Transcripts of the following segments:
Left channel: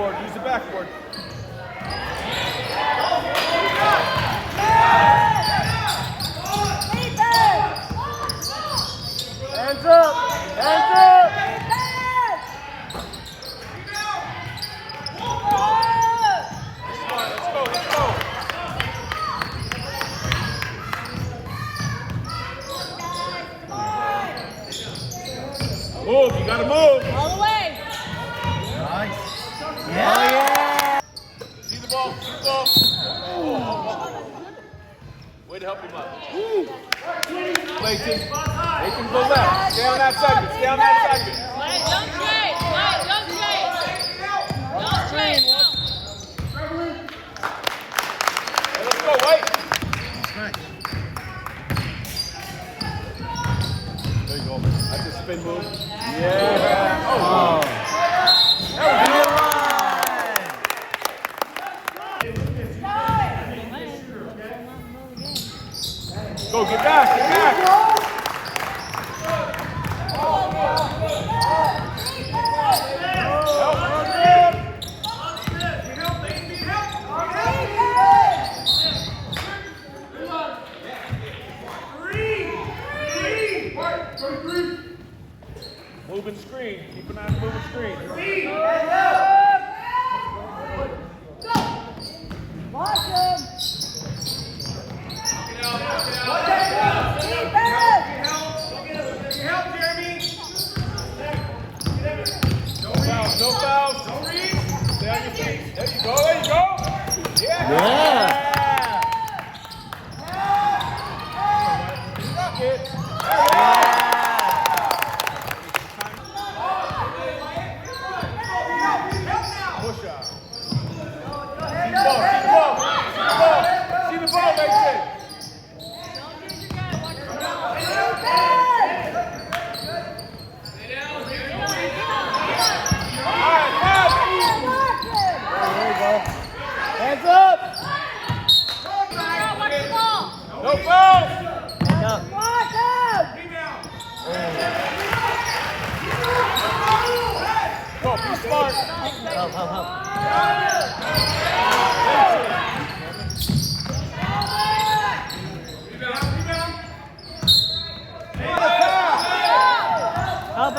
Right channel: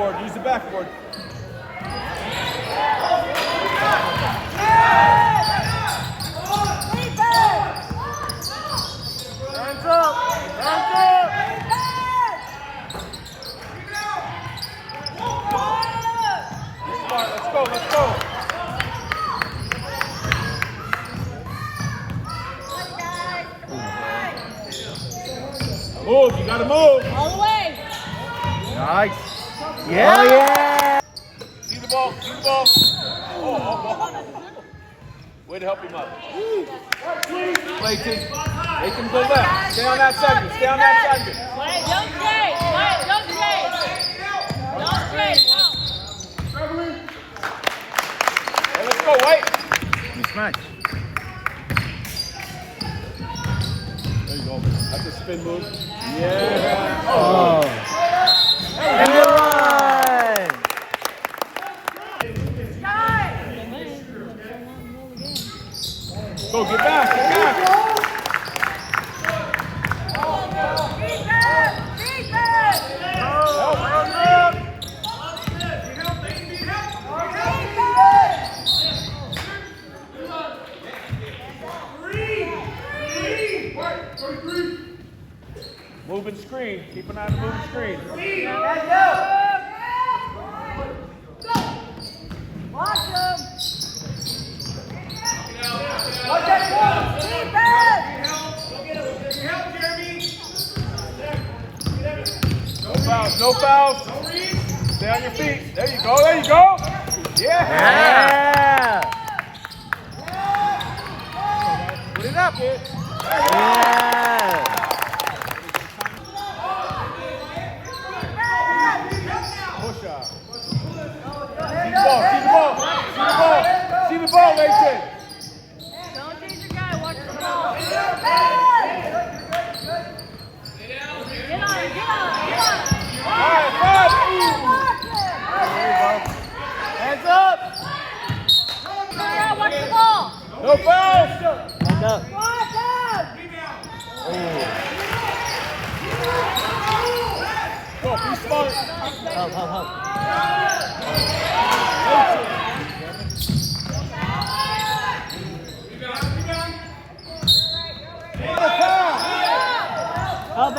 backboard. Use the backboard. Hands up! Hands up! Move, you gotta move. All the way. Nice. Yeah. Oh, yeah. See the ball, see the ball. Way to help him out. Clayton, make him go left. Stay on that segment, stay on that segment. Don't trade. Don't trade. Don't trade. Let's go, wait. That's nice. There you go. That's a spin move. Yeah. Oh. Go, get back, get back. Moving screen. Keep an eye on moving screen. No foul. No read. Stay on your feet. There you go. There you go. Yeah. Get up, kid. See the ball, they say. Hands up! No foul! Hands up. Go, be smart. Help.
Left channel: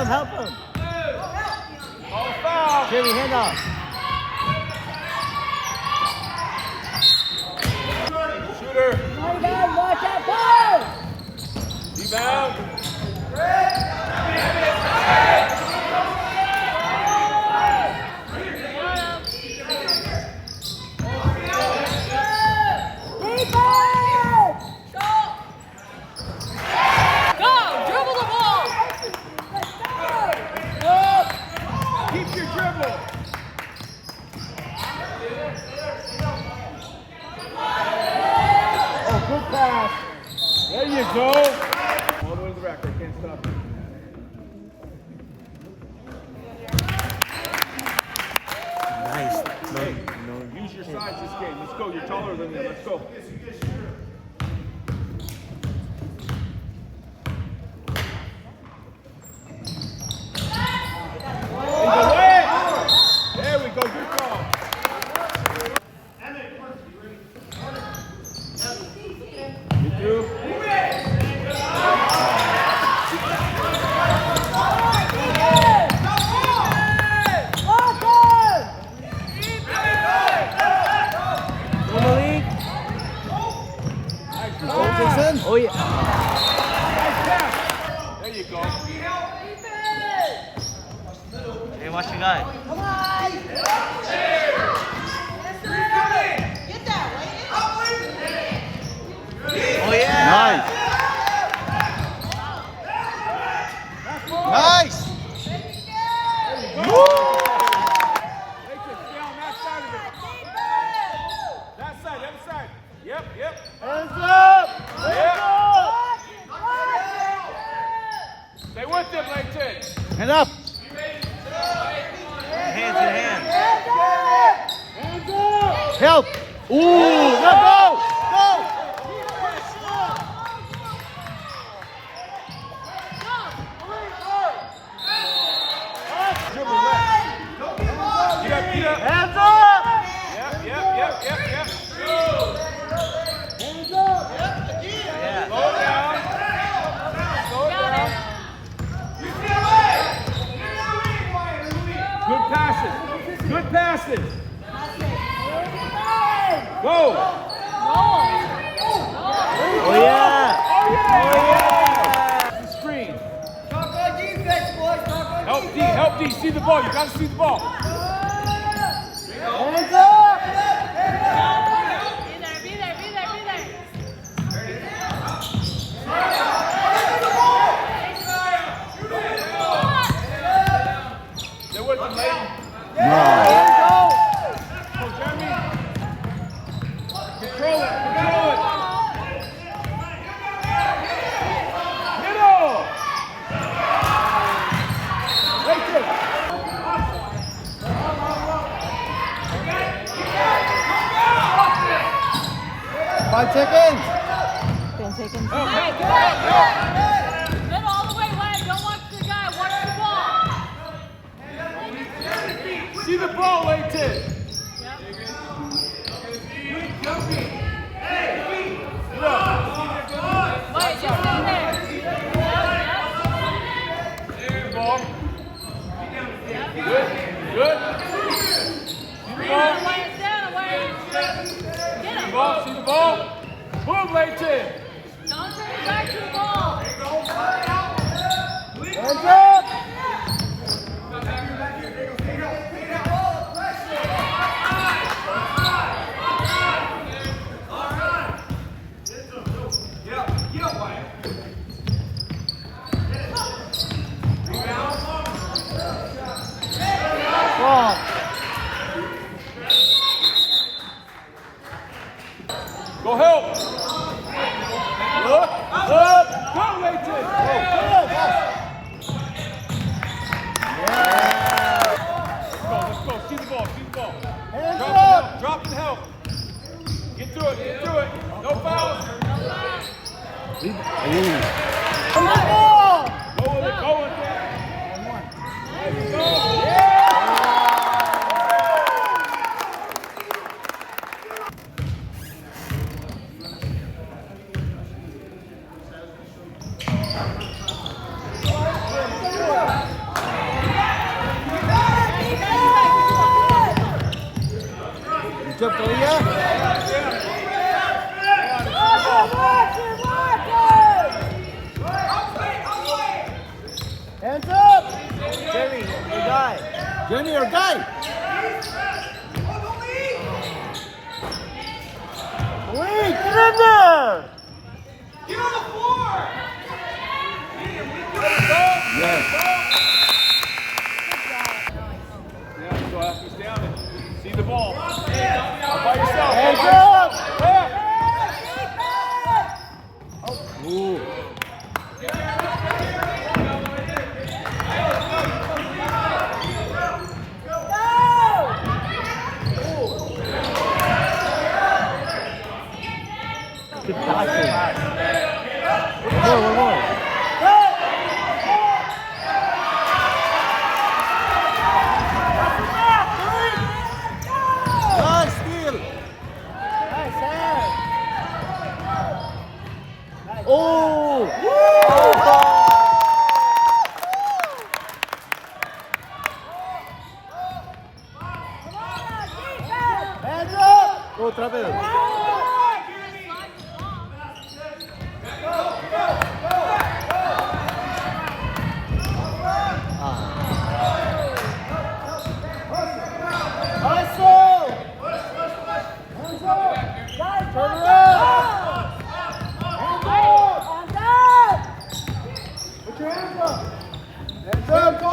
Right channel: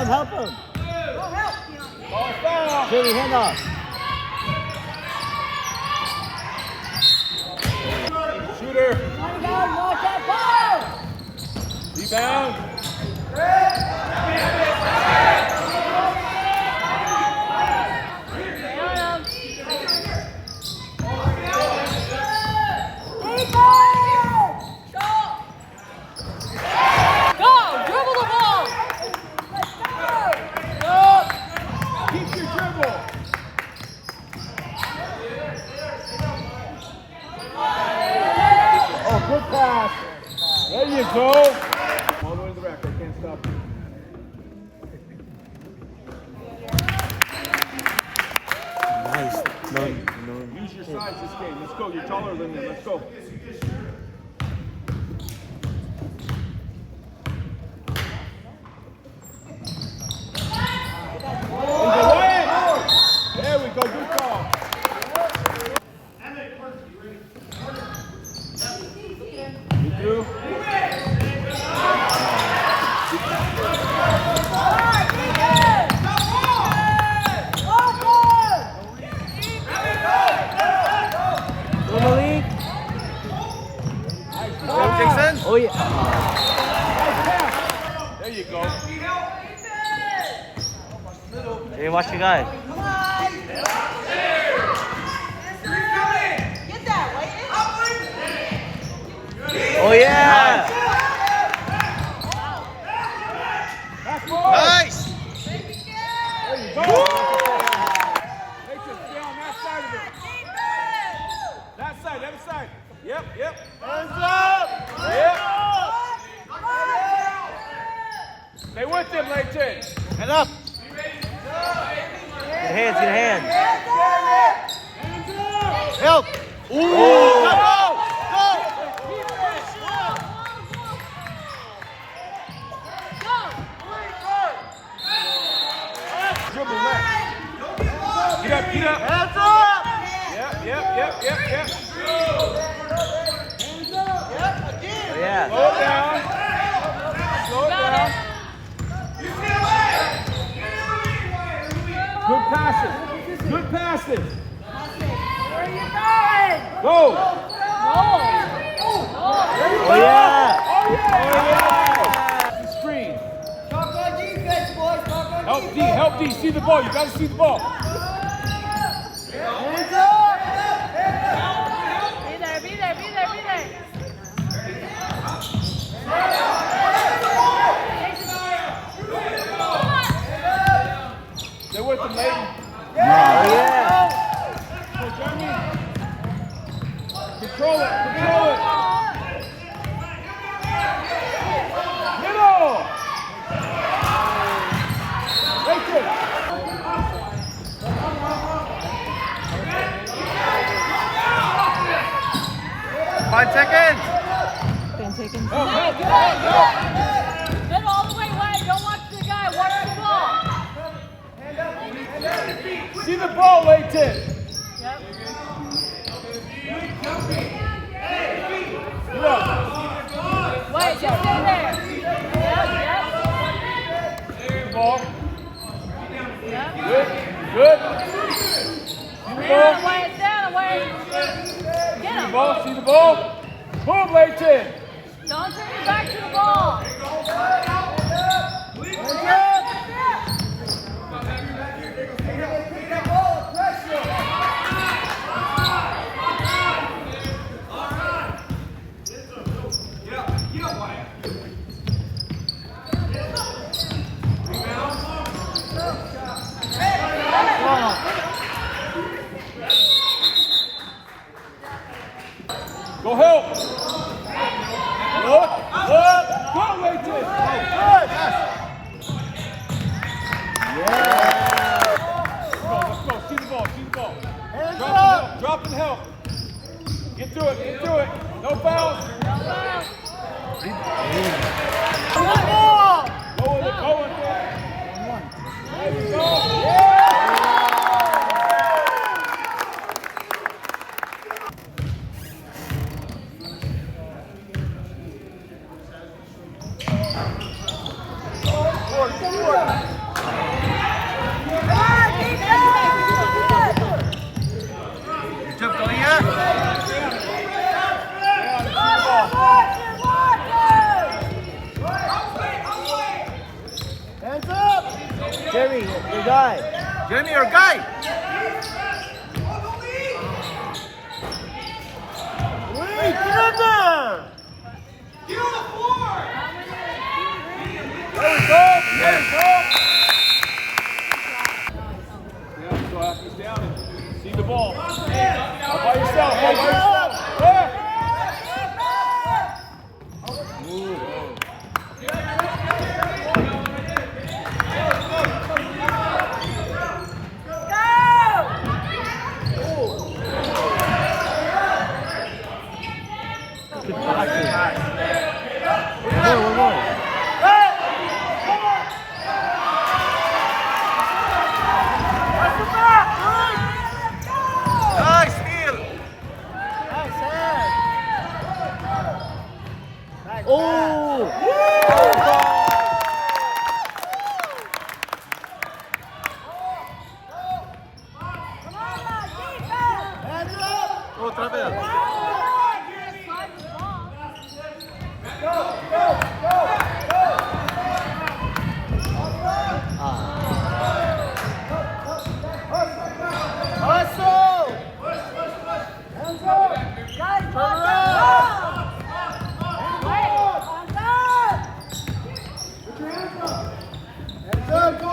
Help him. Jerry, hand off. Shooter. Rebound. Go! Dribble the ball! Keep your dribble. Oh, good pass. There you go. All the way to the rack. I can't stop you. Nice. No. Use your size this game. Let's go. You're taller than them. Let's go. There we go. Good call. You through? Oh yeah. Nice pass. There you go. Hey, watch your guy. Oh yeah. Nice. There you go. Nathan, stay on that side of it. That side, other side. Yep. Hands up. Stay with him, Nathan. Hand up. Your hands. Help. Ooh, no. Dribble left. Get up. Hands up! Yep. Yeah. Slow down. Slow down. Good passes. Good passes. Go. Oh yeah! Oh yeah. Oh yeah! Screen. Talk on defense, boys. Talk on Help D. See the ball. You gotta see the ball. Hands up! Be there. They're with them, man. Go, Jeremy. Control it. Middle. Right there. 5 seconds! Help. Middle all the way, Larry. Don't watch the guy. Watch the ball. See the ball, Leighton. Wait, just stay there. Ball. Good. Lay it down, Larry. Get him. See the ball. Boom, Leighton. Don't turn back to the ball. Hands up. Go help. Look. Go, Leighton. Let's go. See the ball. Drop and help. Get through it. No fouls. Go with it. There you go. Good job, Talia. Hands up! Jeremy, your guy. Jeremy, your guy. Wait, get in there! Yeah, so he's down and see the ball. By yourself. Hands up! Good passing. One more. Nice steal. Oh! Hands up! Otra vez. Hustle! Hands up! Turn around! Put your hands up! Hands up, go!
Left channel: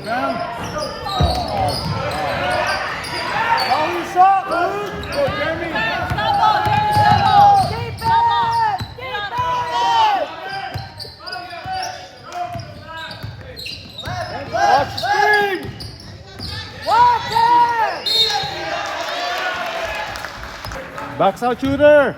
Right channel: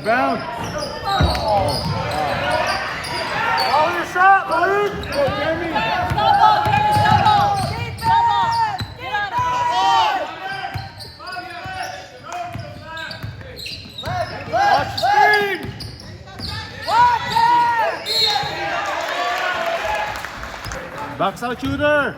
Rebound. Follow your shot, Luke. Go, Jeremy. Stop ball, Jeremy, stop ball. Stop ball. Get on the ball. Watch the screen. Box out shooter.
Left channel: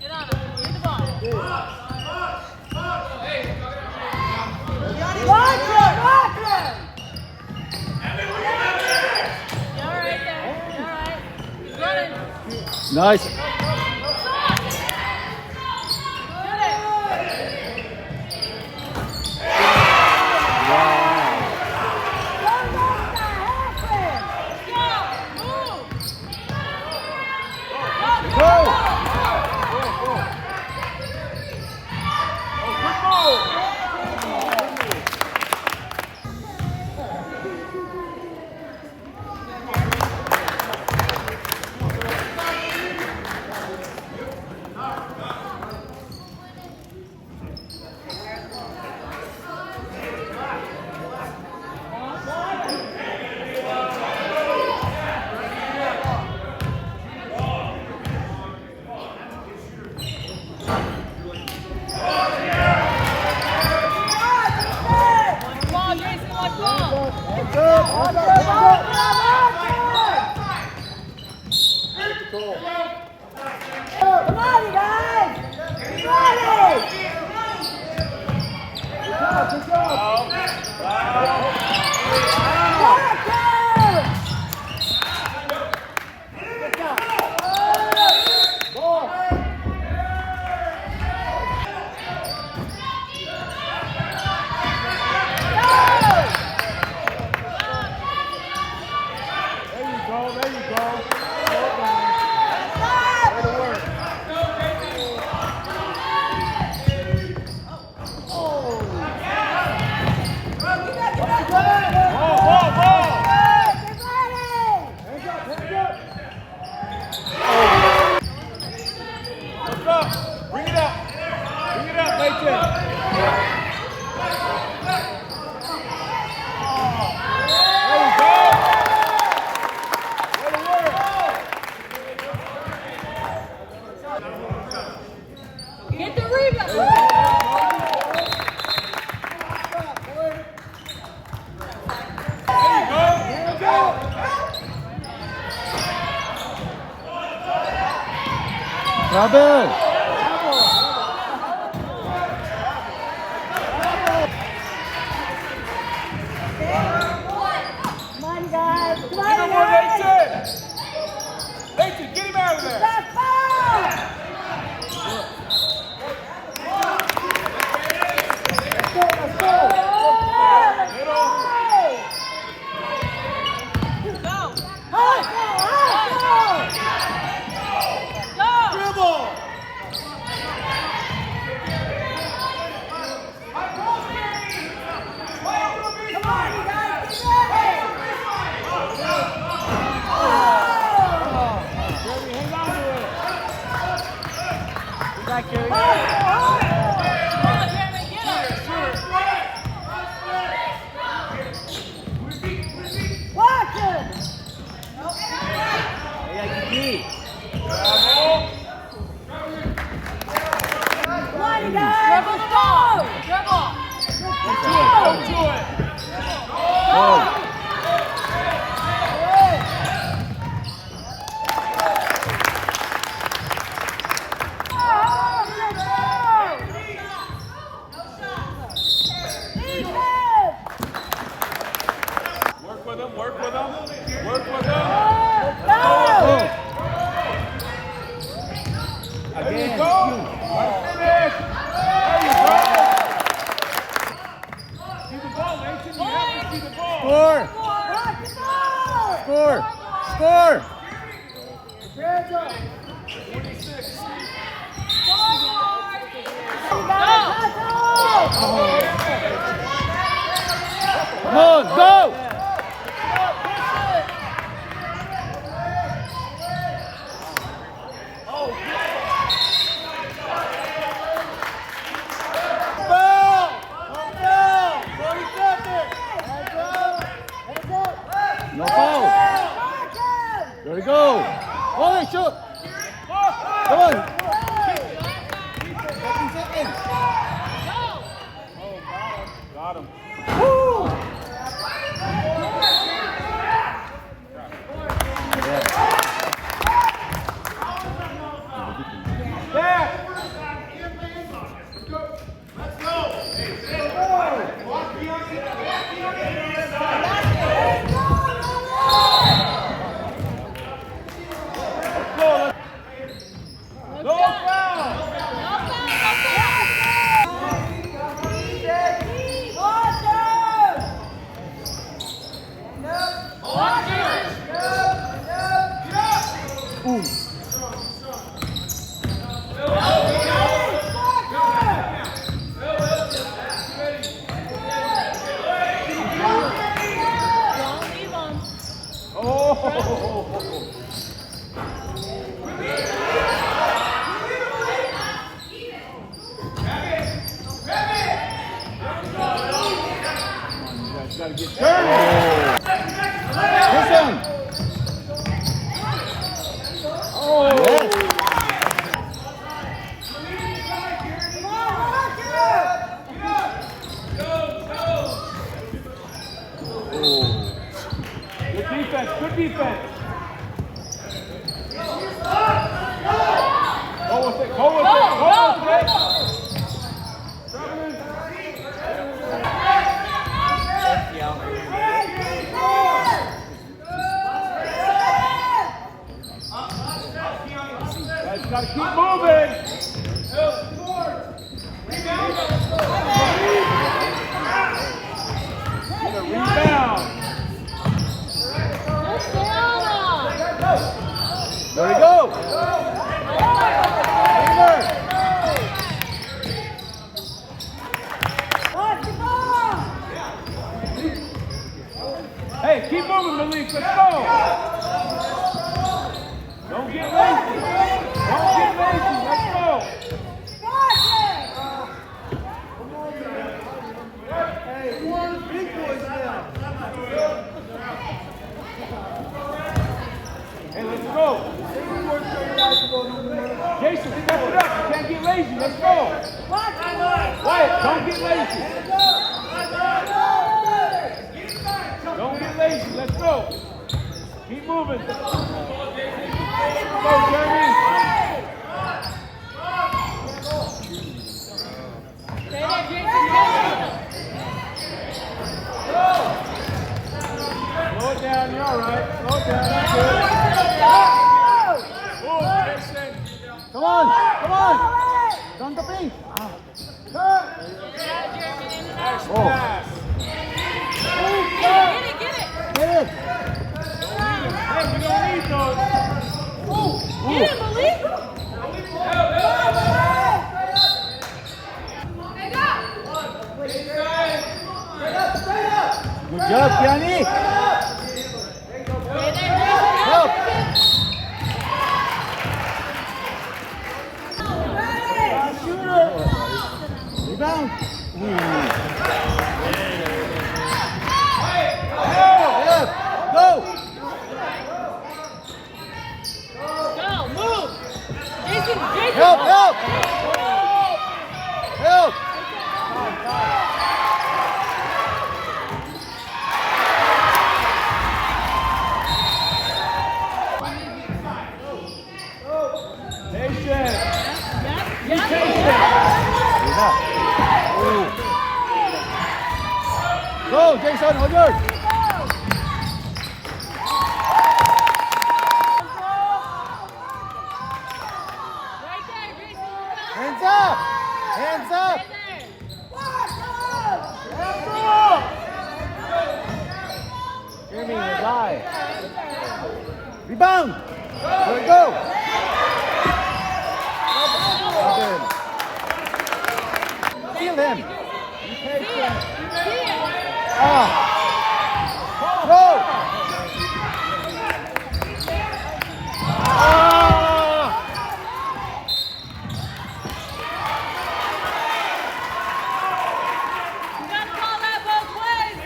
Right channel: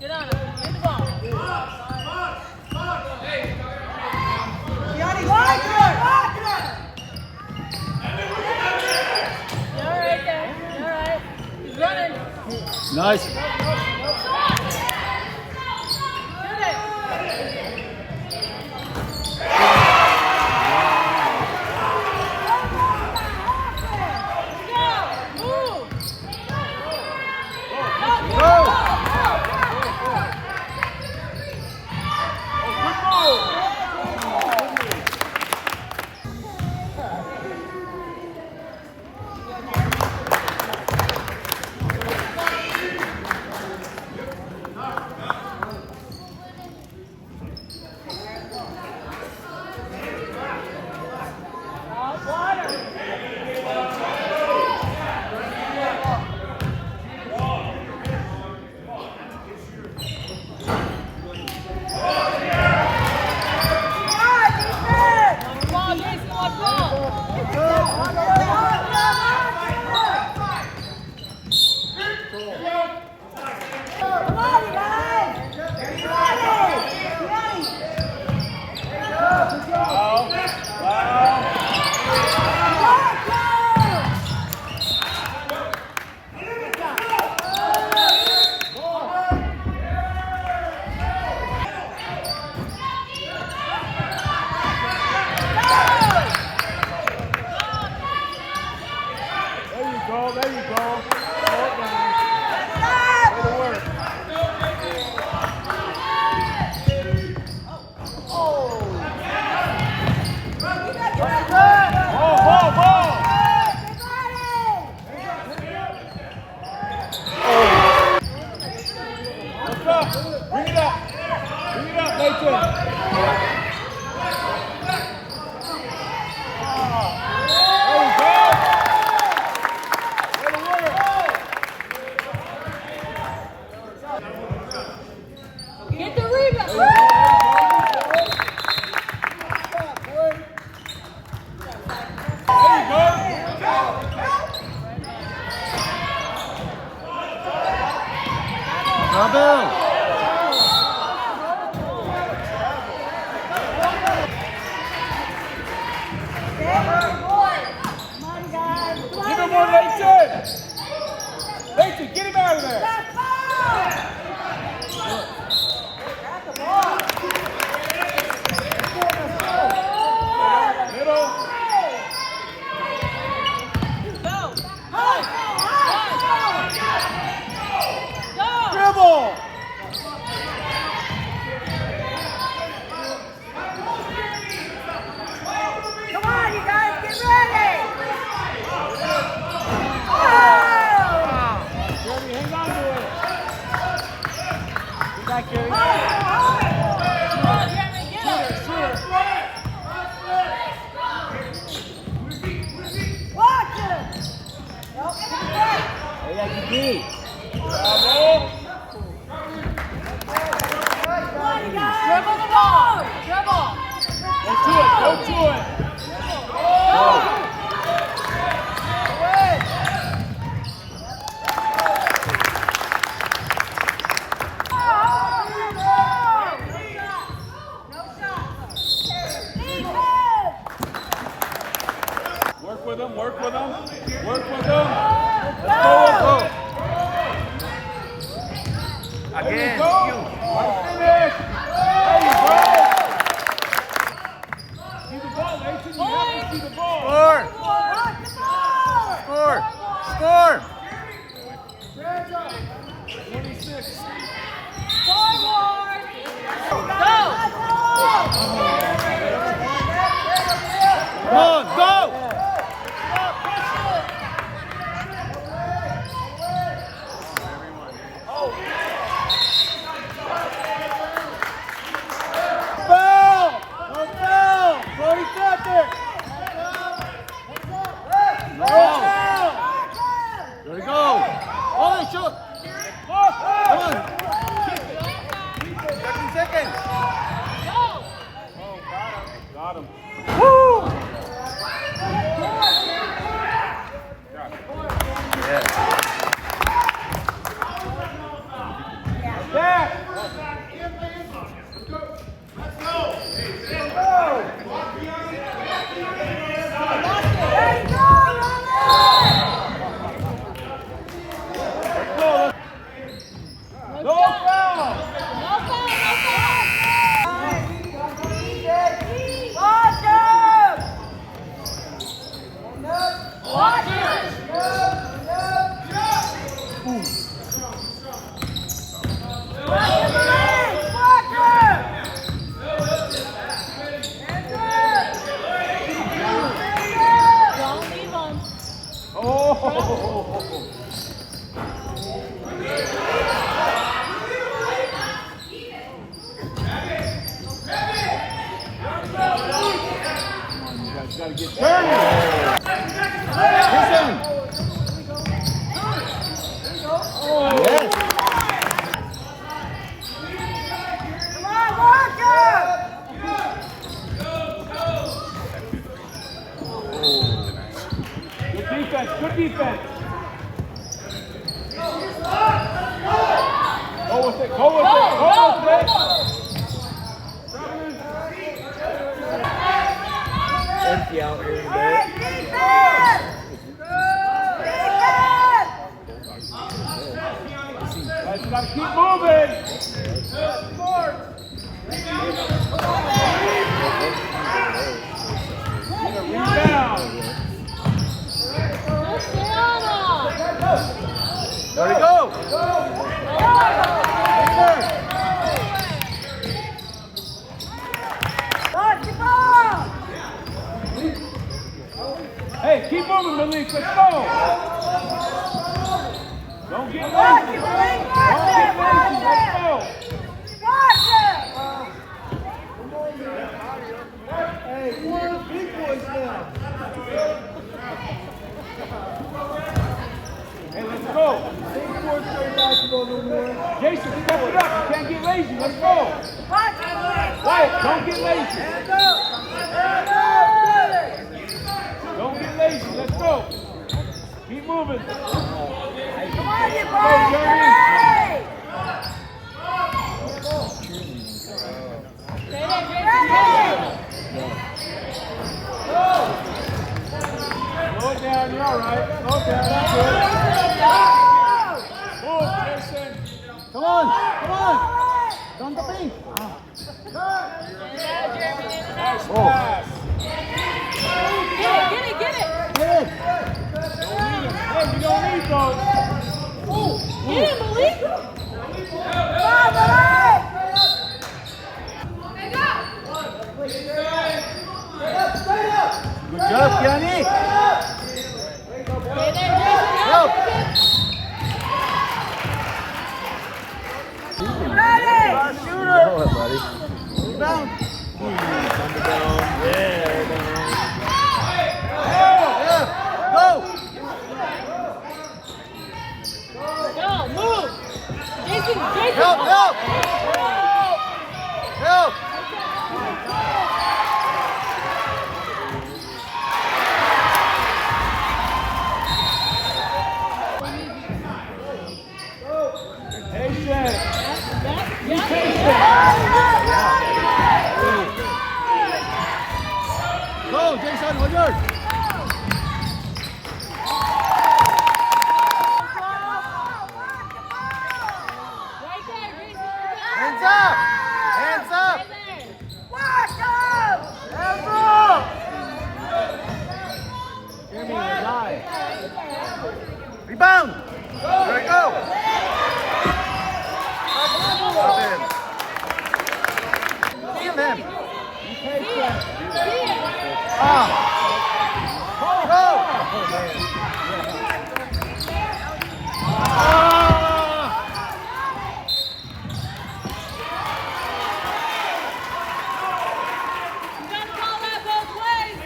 Get on it. Get the ball. You're right there. You're right. He's running. Nice. Get it. Watch ball, Jason, watch ball. Come on, you guys. Get ready. Good job. There you go. There you go. Slow it down. Way to work. Ball, ball, ball. Let's go. Bring it up. Bring it up, Nathan. There you go. Way to work. Get the rebound. Robin. Come on, guys. Come Give on, him one, guys. Nathan. Nathan, get him out of there. Let's go. Back, Jerry. Hey, Dribble the ball. Dribble. Go to it. Go to it. Work with him. Work with him. Work with him. Go with him. There you go. Finish. There you go. Go, go! Foul! Foul! No, he's not there. No foul. There we go. Oh, shoot. Come on. 15 seconds. Got him. Back. No foul. Oh. Come on, you guys gotta get turning. Listen. Oh. Yes. Good defense, good defense. Go with it, go with it, go with it. Guys, you gotta keep moving. Get a rebound. There we go. Remember. Hey, keep moving, Malik. Let's go. Don't get lazy. Don't get lazy. Let's go. Hey, let's go. Jason, step it up. You can't get lazy. Let's go. Wyatt, don't get lazy. Don't get lazy. Let's go. Keep moving. Go, Jeremy. Slow it down. You're all right. Slow it down. That's good. Move, Jason. Come on. Come on. Down the paint. Nice Oh. pass. Get it. Hey, we don't need those. Get it, Malik! Good job, Kiani. Stay there, Jason. Go. Rebound. Go. Go, move! Jason, Help, help. Help. Patient. Be Yep. patient. Go, Jason, on yours. Right there, Jason. Hands up. Hands up. Right there. Jeremy, high. Rebound. There we go. Feel him. patient. See it. Go. You gotta call that both ways.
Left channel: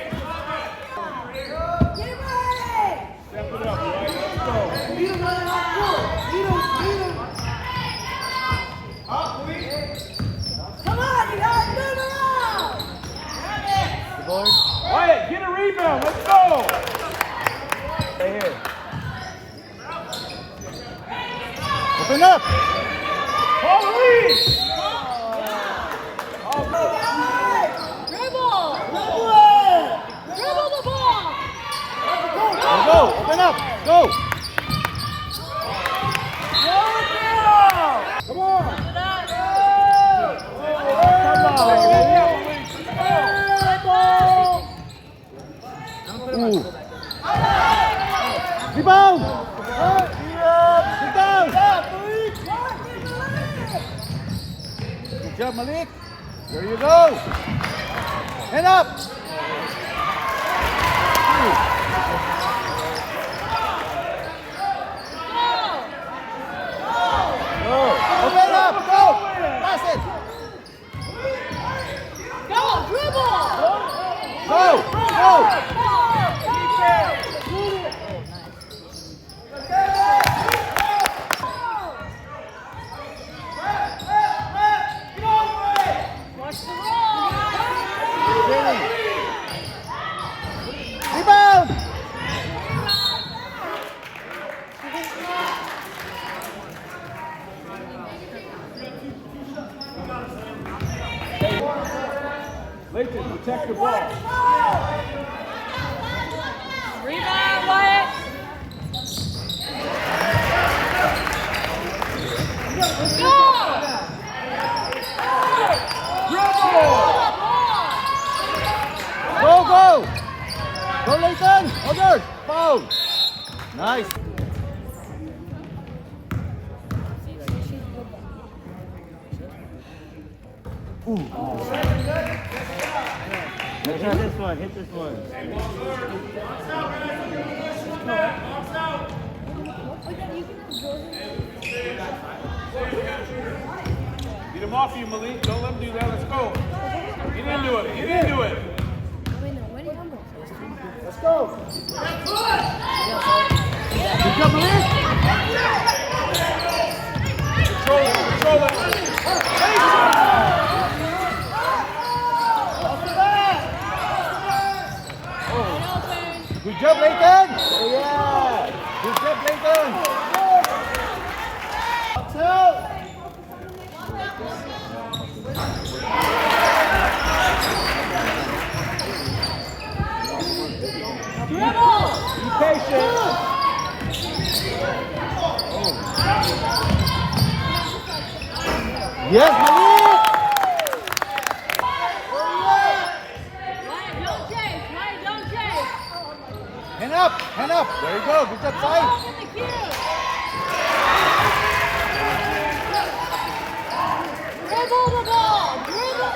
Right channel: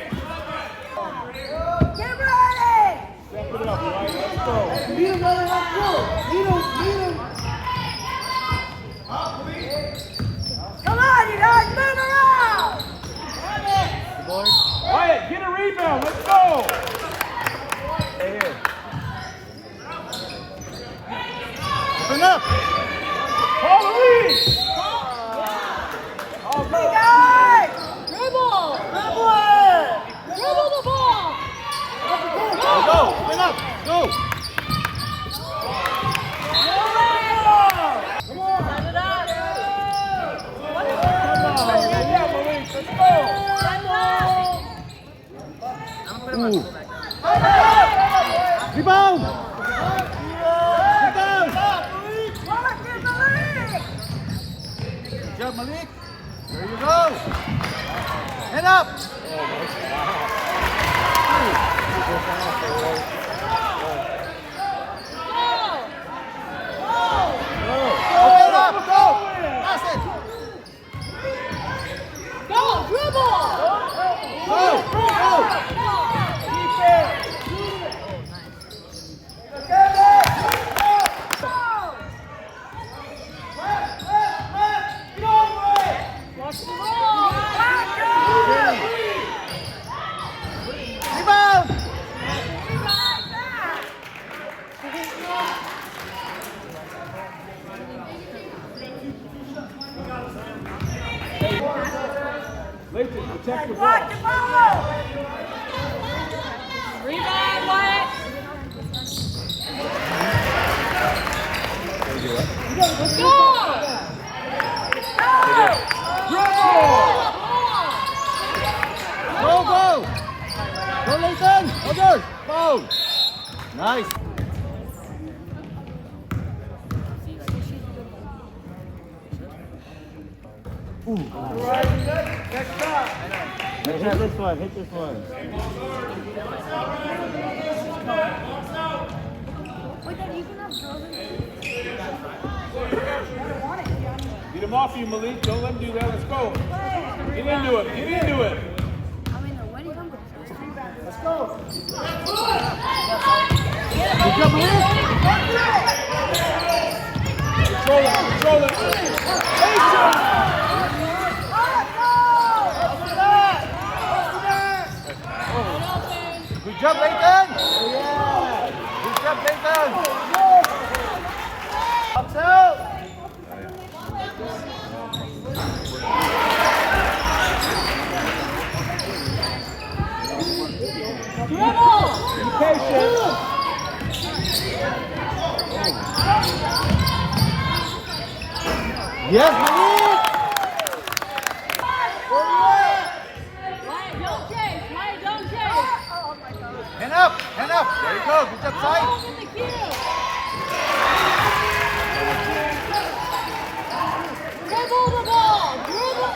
Get ready. Step it up, right? Let's go. Lead him, brother. Let's go. Lead him. Come on, you guys. Move around. Wyatt, get a rebound. Let's go. Stay here. Open up. Call the lead. Yeah. Oh, go. Guys. Dribble. Good one. Dribble the ball. Go. Open up. Go. Come on. Put it up. Come on. Ooh. Rebound. Rebound. Good job, Malik. There you go. Hand up. Go. Open up. Go. Pass it. Go. Dribble. Go. Go. Watch the roll. Rebound. Layton, protect the ball. Rebound, Wyatt. Go. Dribble. Go, go. Go, Layton. Other. Foul. Nice. Ooh. Let's try this one. Hit this one. Get him off you, Malik. Don't let him do that. Let's go. Get into it. Get into it. Let's go. Good job, Malik. Control it. Control it. Good job, Layton. Yeah. Good job, Layton. Up, out. Dribble. Be patient. Yes, Malik. Wyatt, don't chase. Wyatt, don't chase. Hand up. Hand up. There you go. Good job, Go side. off in the queue. Dribble the ball. Dribble.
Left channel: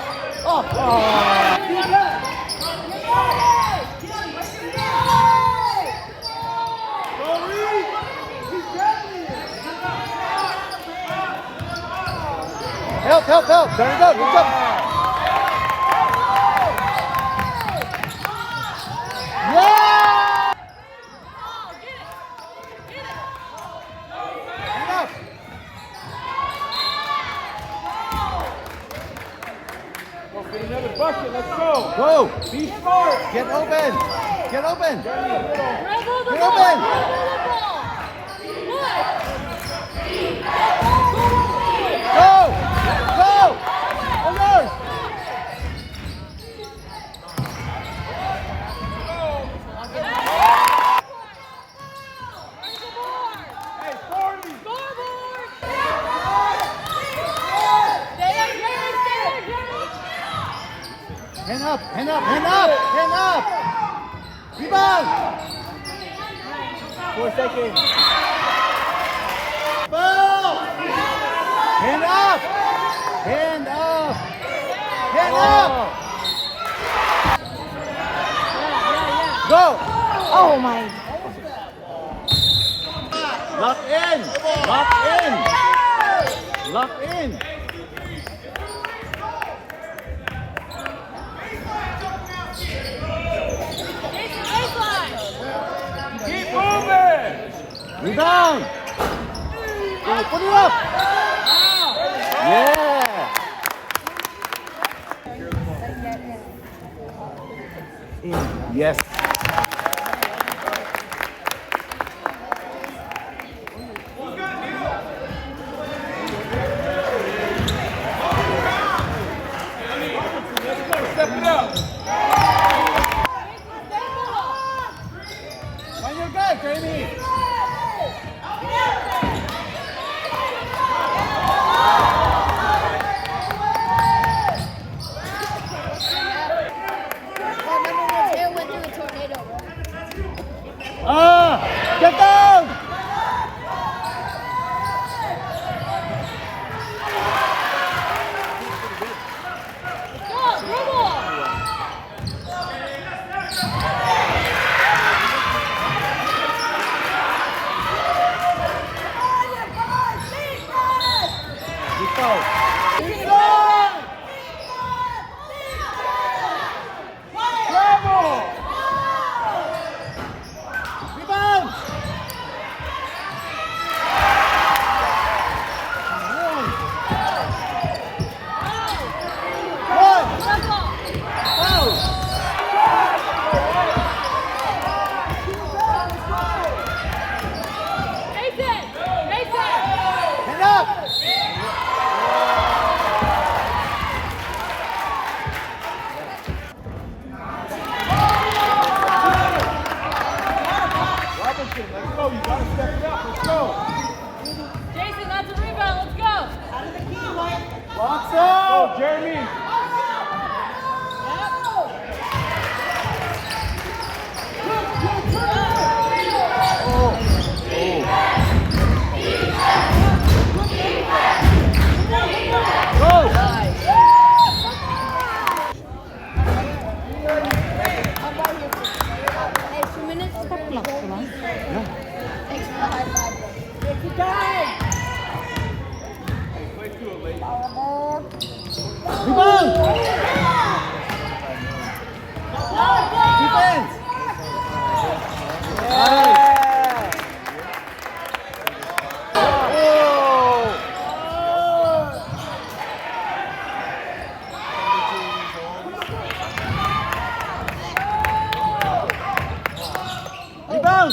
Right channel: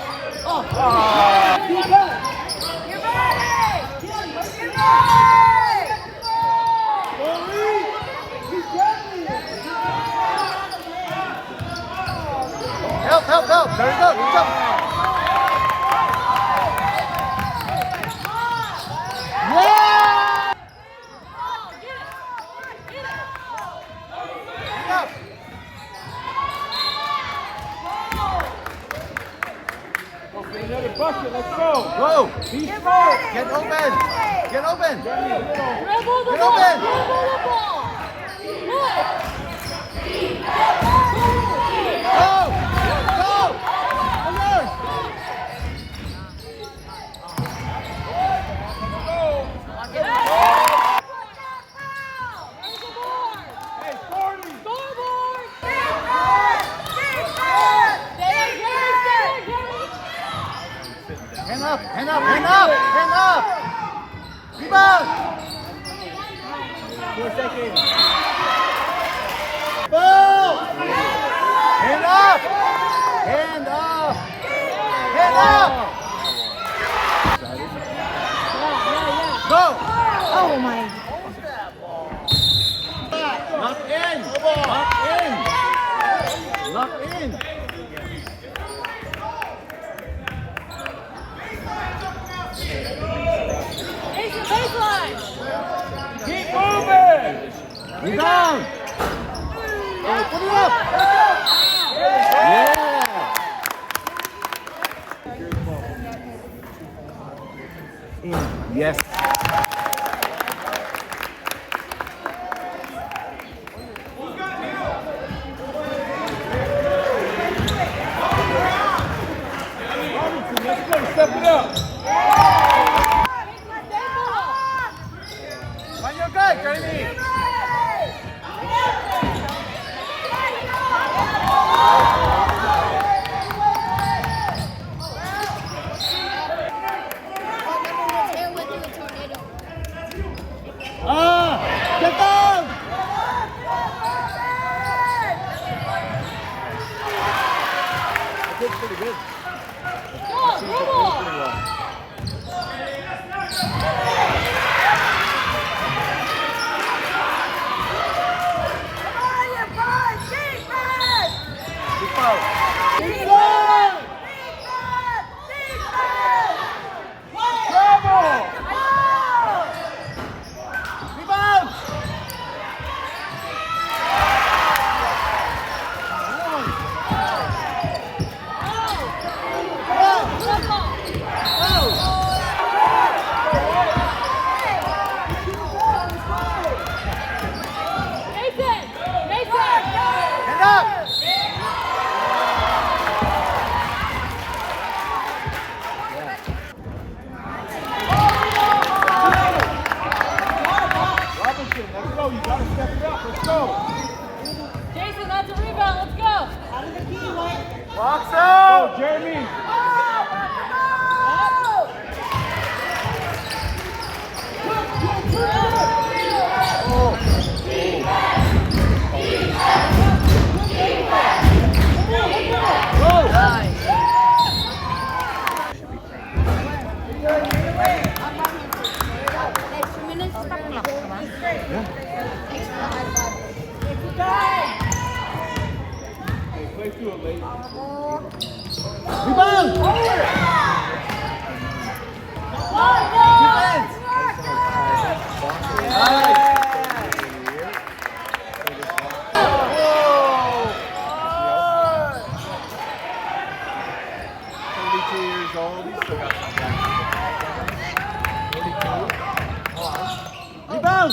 Help, help, help. There you go. Good job. Yeah. Oh, get it. Get it. Hand up. Go get another bucket. Let's go. Go. Be smart. Get open. Get open. Dribble the Get ball. open. Dribble the ball. Go. Go. Others. Where's the board? Hey, 40. Scoreboard. Stay on Jerry. Stay on Jerry. Hand up. Hand up. Hand up. Hand up. Rebound. 4 seconds. Ball. Hand up. Hand up. Hand up. Oh my. Lock in! Lock in! Lock in! Jason, baseline. Keep moving. Rebound! Oh, put it up! Yeah! In. Yes. Let's go. Step it up. Jason, stay middle. On your guy, Jamie. Get down! Go, dribble. Travel. Jason, Jason. Robinson, let's go. You gotta step it up. Let's go. Jason, that's a rebound. Let's go. Go, Jeremy. Play through it, lady. Rebound! Defense! Rebound!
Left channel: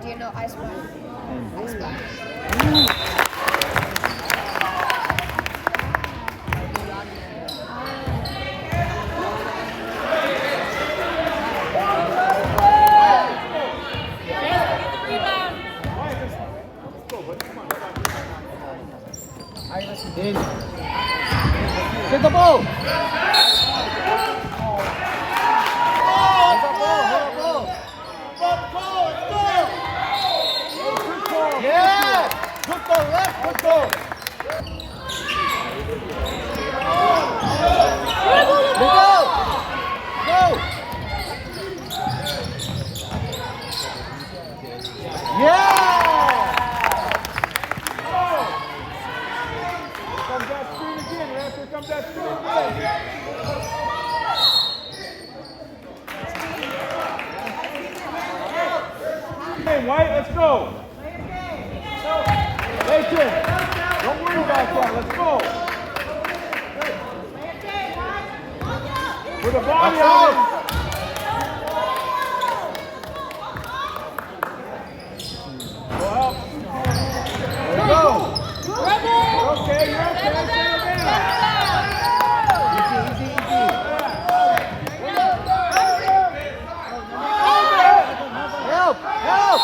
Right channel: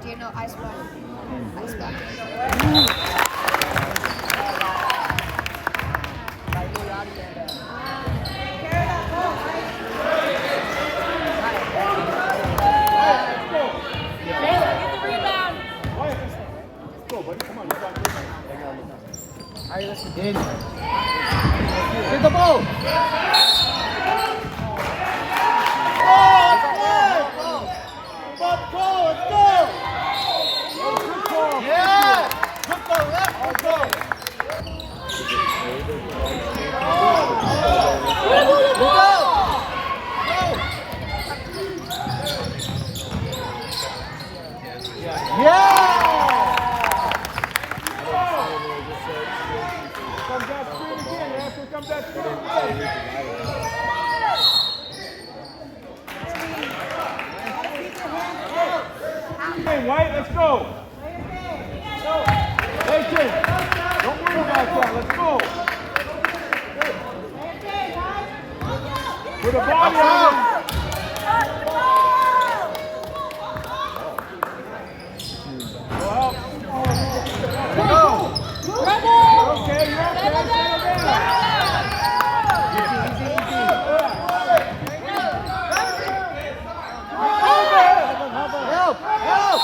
Do you know Ice Cream? Ice Cream. Jason, get the rebound. In. Get the ball! Yeah! Good ball, left, good ball! Dribble the ball. Go! Yeah! Here comes that screen again, Ref. Here comes that screen again. Hey, White, let's go. Layton, don't worry about that. Let's go. Put a body on him. Go help. Go. Dribble. You're okay, you're okay. Settle down. Help! Help!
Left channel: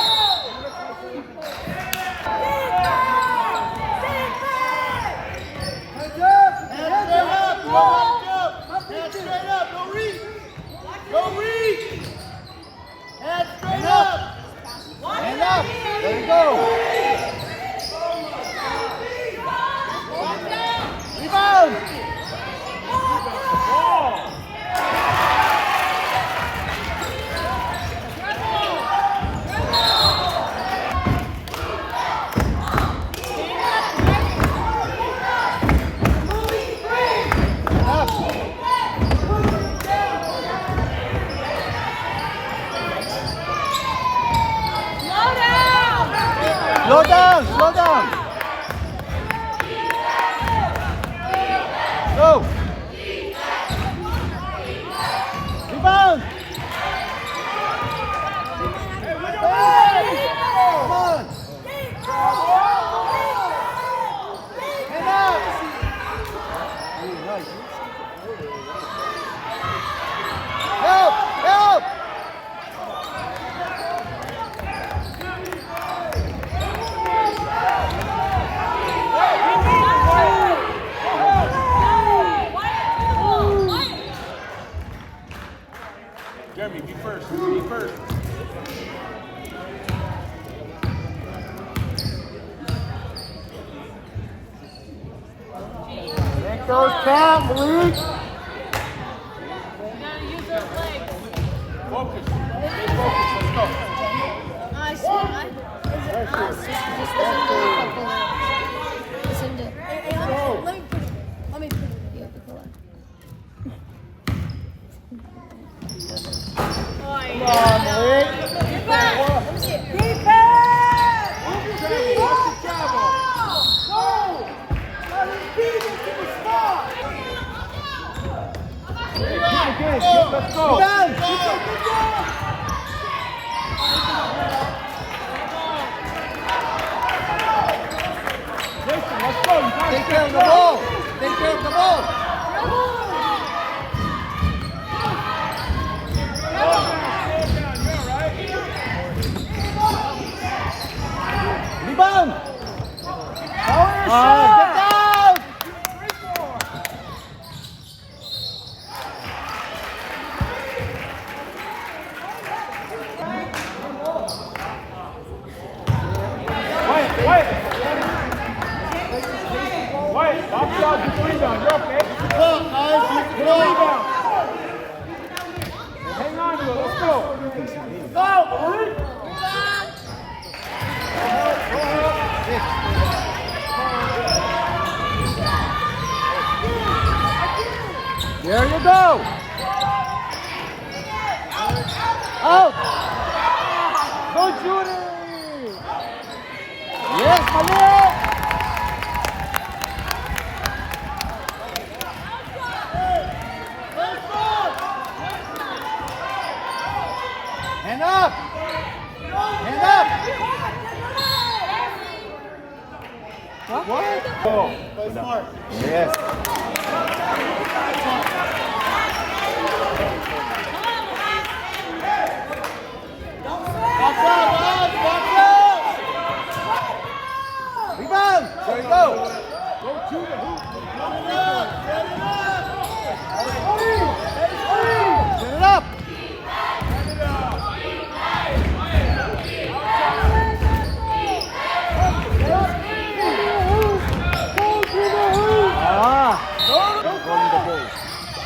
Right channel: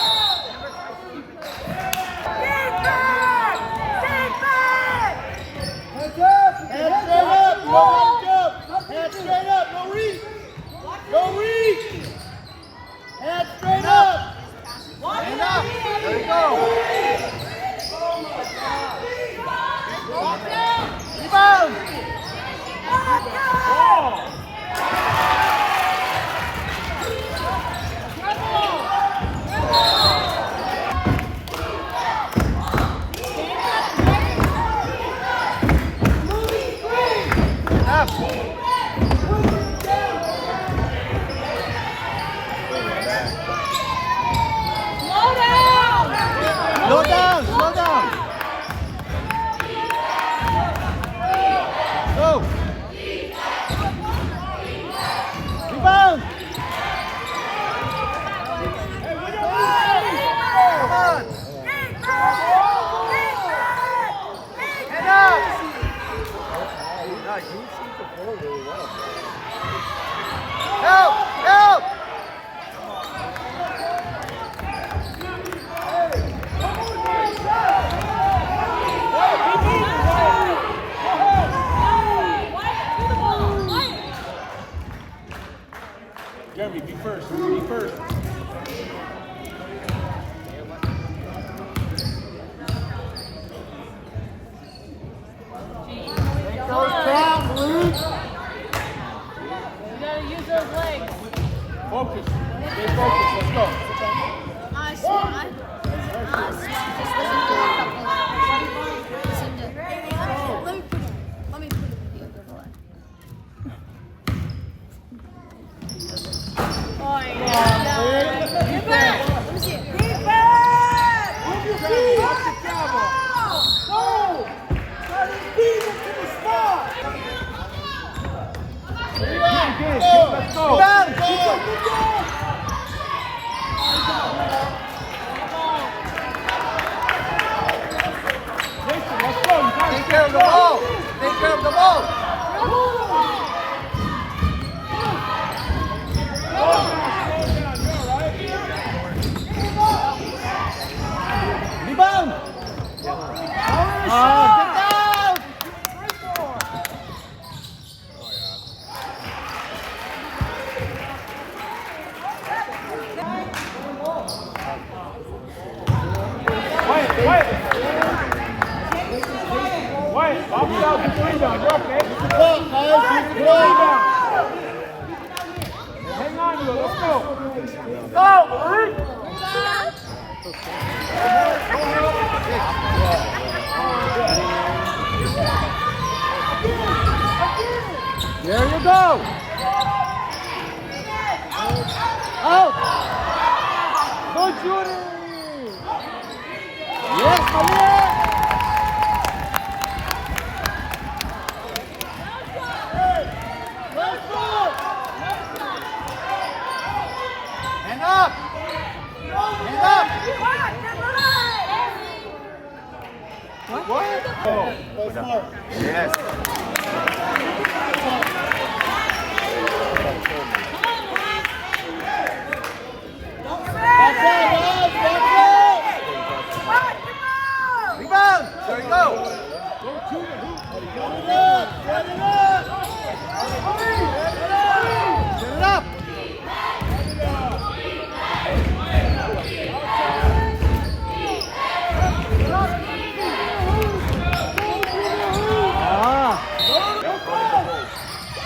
Those count, Malik. Focus. Stay focused. Let's go. Come on, Malik. Watch the travel. Let's go. Jason, let's go. You gotta Take care of step the up. ball. Take care of the ball. Slow down. You're all right. Rebound. Get down. Wait. Box out. Get the rebound. You're okay. Get the rebound. Hang on to it. Let's go. Go help. There you go. Out. Don't shoot it. Yes, Malik. Hand up. Hand up. Go. Yes. Rebound. There you go. Go to the hoop. Set it up.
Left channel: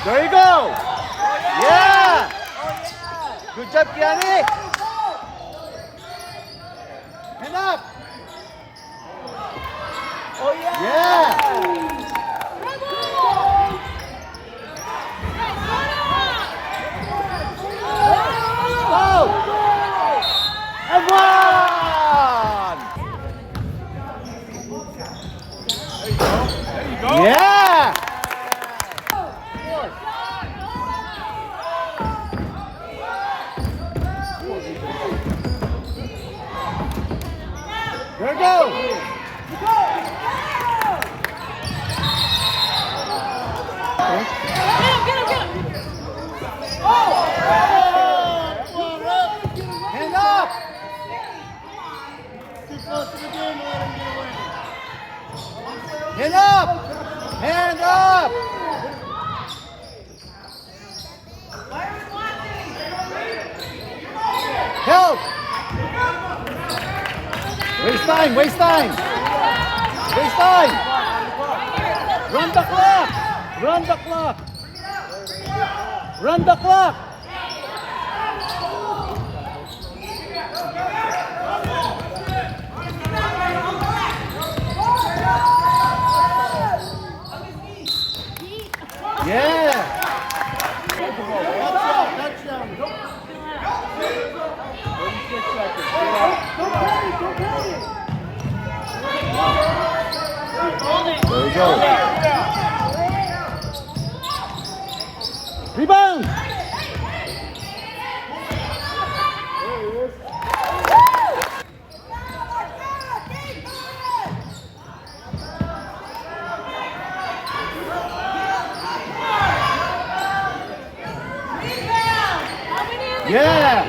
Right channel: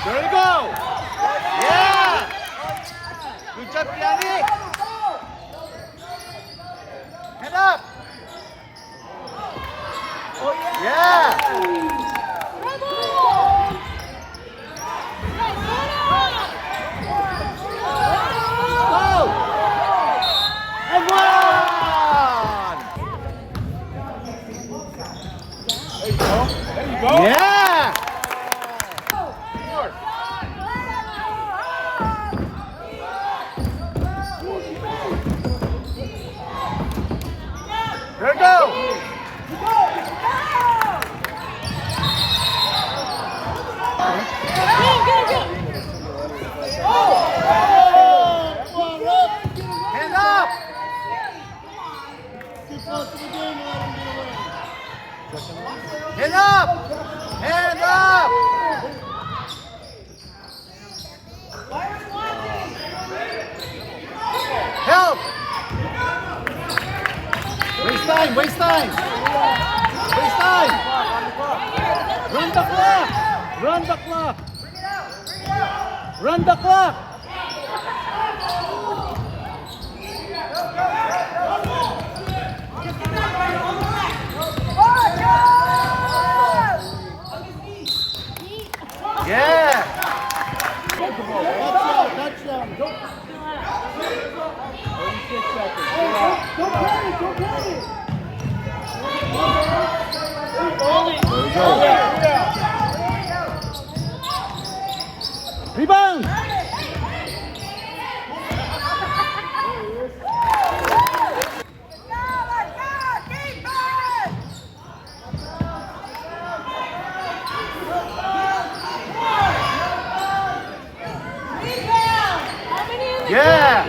There you go. Yeah. Good job, Kiani. Hand up. Oh yeah! Yeah. Go. And one. There you go. Yeah. There you go. Hands up. Hands up. Hands up. Help. Waste time. Waste time. Waste time. Run the clock. Run the clock. Run the clock. Yeah. Touchdown. 36 seconds. Get out. There you go. Rebound. Yeah.